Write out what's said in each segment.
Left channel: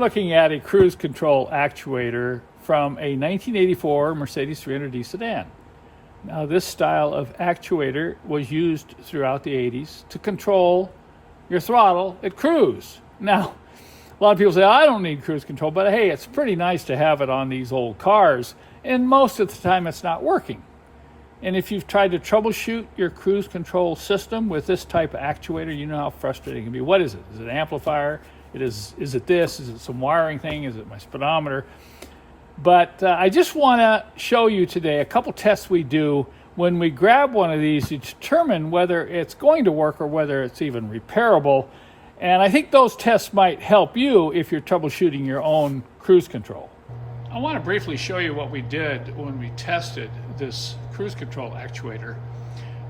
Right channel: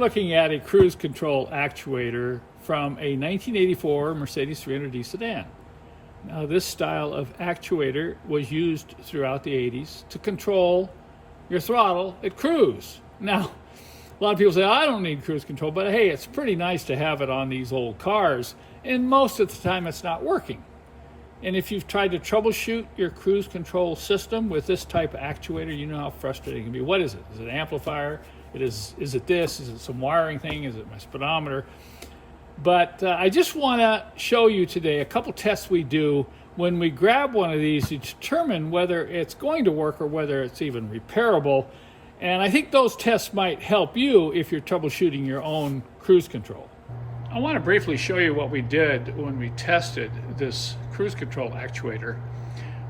looking at a cruise control actuator from a 1984 Mercedes 300D sedan. Now, this style of actuator was used throughout the 80s to control your throttle at cruise. Now, a lot of people say, I don't need cruise control, but hey, it's pretty nice to have it on these old cars, and most of the time it's not working. And if you've tried to troubleshoot your cruise control system with this type of actuator, you know how frustrating it can be. What is it? Is it an amplifier? Is it this? Is it some wiring thing? Is it my speedometer? But I just want to show you today a couple tests we do when we grab one of these to determine whether it's going to work or whether it's even repairable. And I think those tests might help you if you're troubleshooting your own cruise control. I want to briefly show you what we did when we tested this cruise control actuator.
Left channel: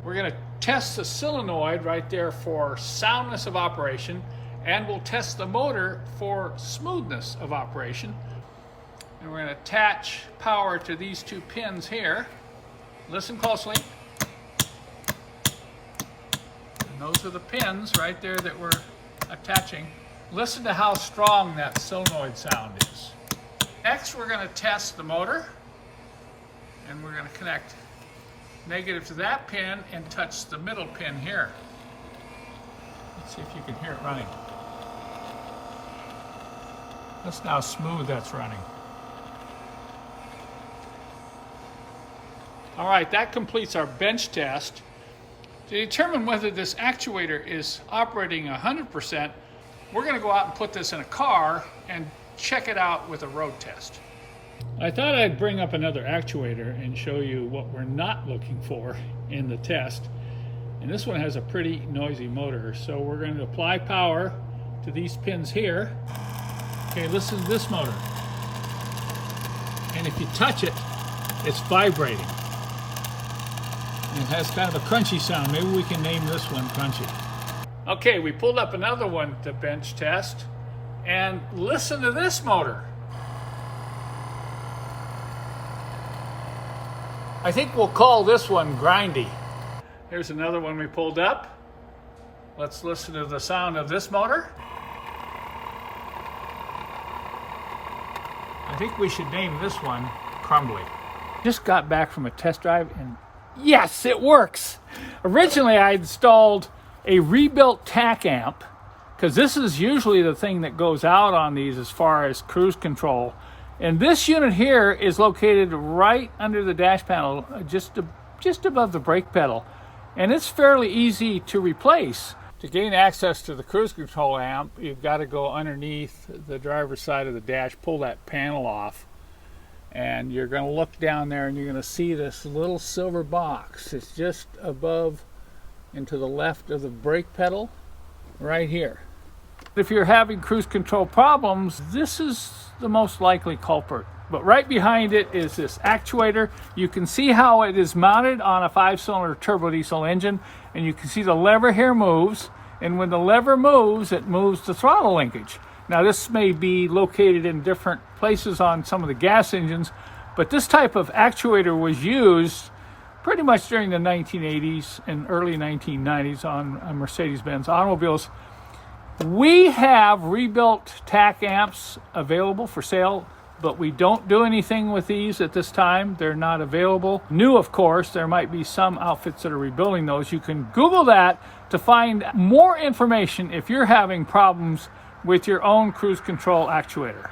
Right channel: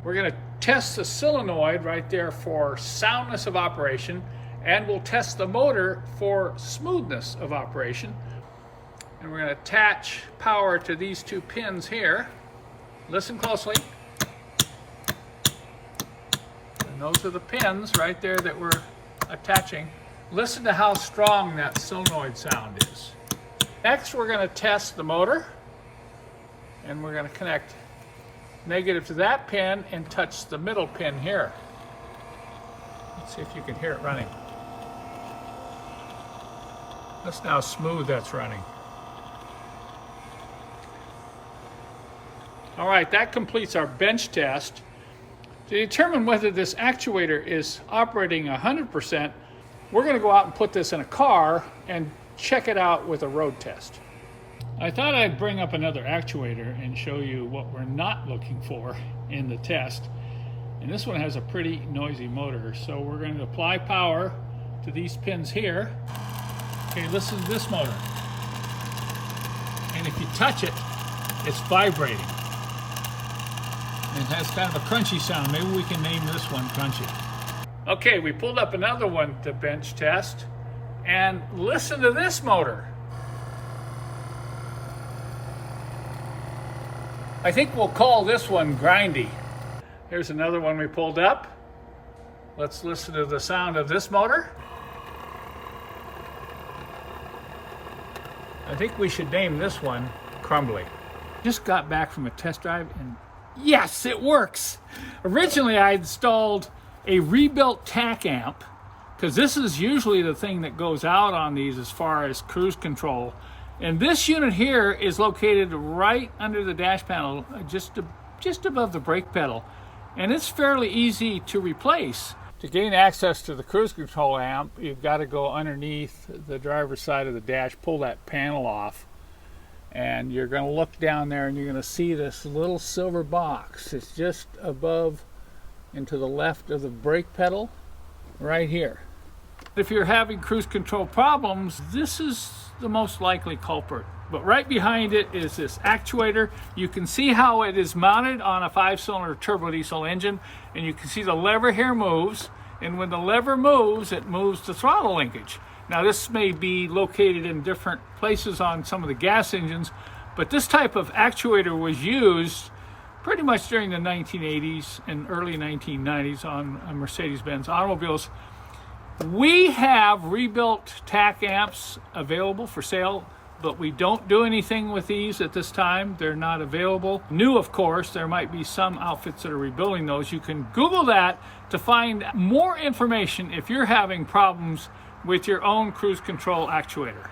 We're going to test the solenoid right there for soundness of operation, and we'll test the motor for smoothness of operation. And we're going to attach power to these two pins here. Listen closely. And those are the pins right there that we're attaching. Listen to how strong that solenoid sound is. Next, we're going to test the motor, and we're going to connect negative to that pin and touch the middle pin here. Let's see if you can hear it running. Listen how smooth that's running. All right, that completes our bench test. To determine whether this actuator is operating 100%, we're going to go out and put this in a car and check it out with a road test. I thought I'd bring up another actuator and show you what we're not looking for in the test. And this one has a pretty noisy motor, so we're going to apply power to these pins here. Okay, listen to this motor. And if you touch it, it's vibrating. It has kind of a crunchy sound. Maybe we can name this one Crunchy. Okay, we pulled up another one to bench test, and listen to this motor. I think we'll call this one Grindy. Here's another one we pulled up. Let's listen to the sound of this motor. I think we should name this one Crumbly. Just got back from a test drive, and yes, it works. Originally, I installed a rebuilt TAC amp, because this is usually the thing that goes out on these as far as cruise control. And this unit here is located right under the dash panel, just above the brake pedal. And it's fairly easy to replace. To gain access to the cruise control amp, you've got to go underneath the driver's side of the dash, pull that panel off, and you're going to look down there and you're going to see this little silver box. It's just above and to the left of the brake pedal, right here. If you're having cruise control problems, this is the most likely culprit. But right behind it is this actuator. You can see how it is mounted on a 5-cylinder turbo diesel engine, and you can see the lever here moves, and when the lever moves, it moves the throttle linkage. Now, this may be located in different places on some of the gas engines, but this type of actuator was used pretty much during the 1980s and early 1990s on Mercedes-Benz automobiles. We have rebuilt TAC amps available for sale, but we don't do anything with these at this time. They're not available. New, of course, there might be some outfits that are rebuilding those. You can Google that to find more information if you're having problems with your own cruise control actuator.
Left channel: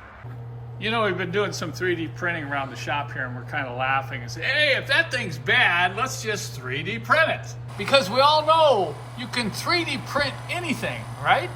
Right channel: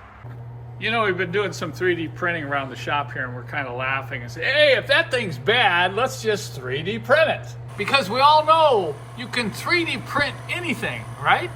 You know, we've been doing some 3D printing around the shop here, and we're kind of laughing and say, hey, if that thing's bad, let's just 3D print it. Because we all know you can 3D print anything, right?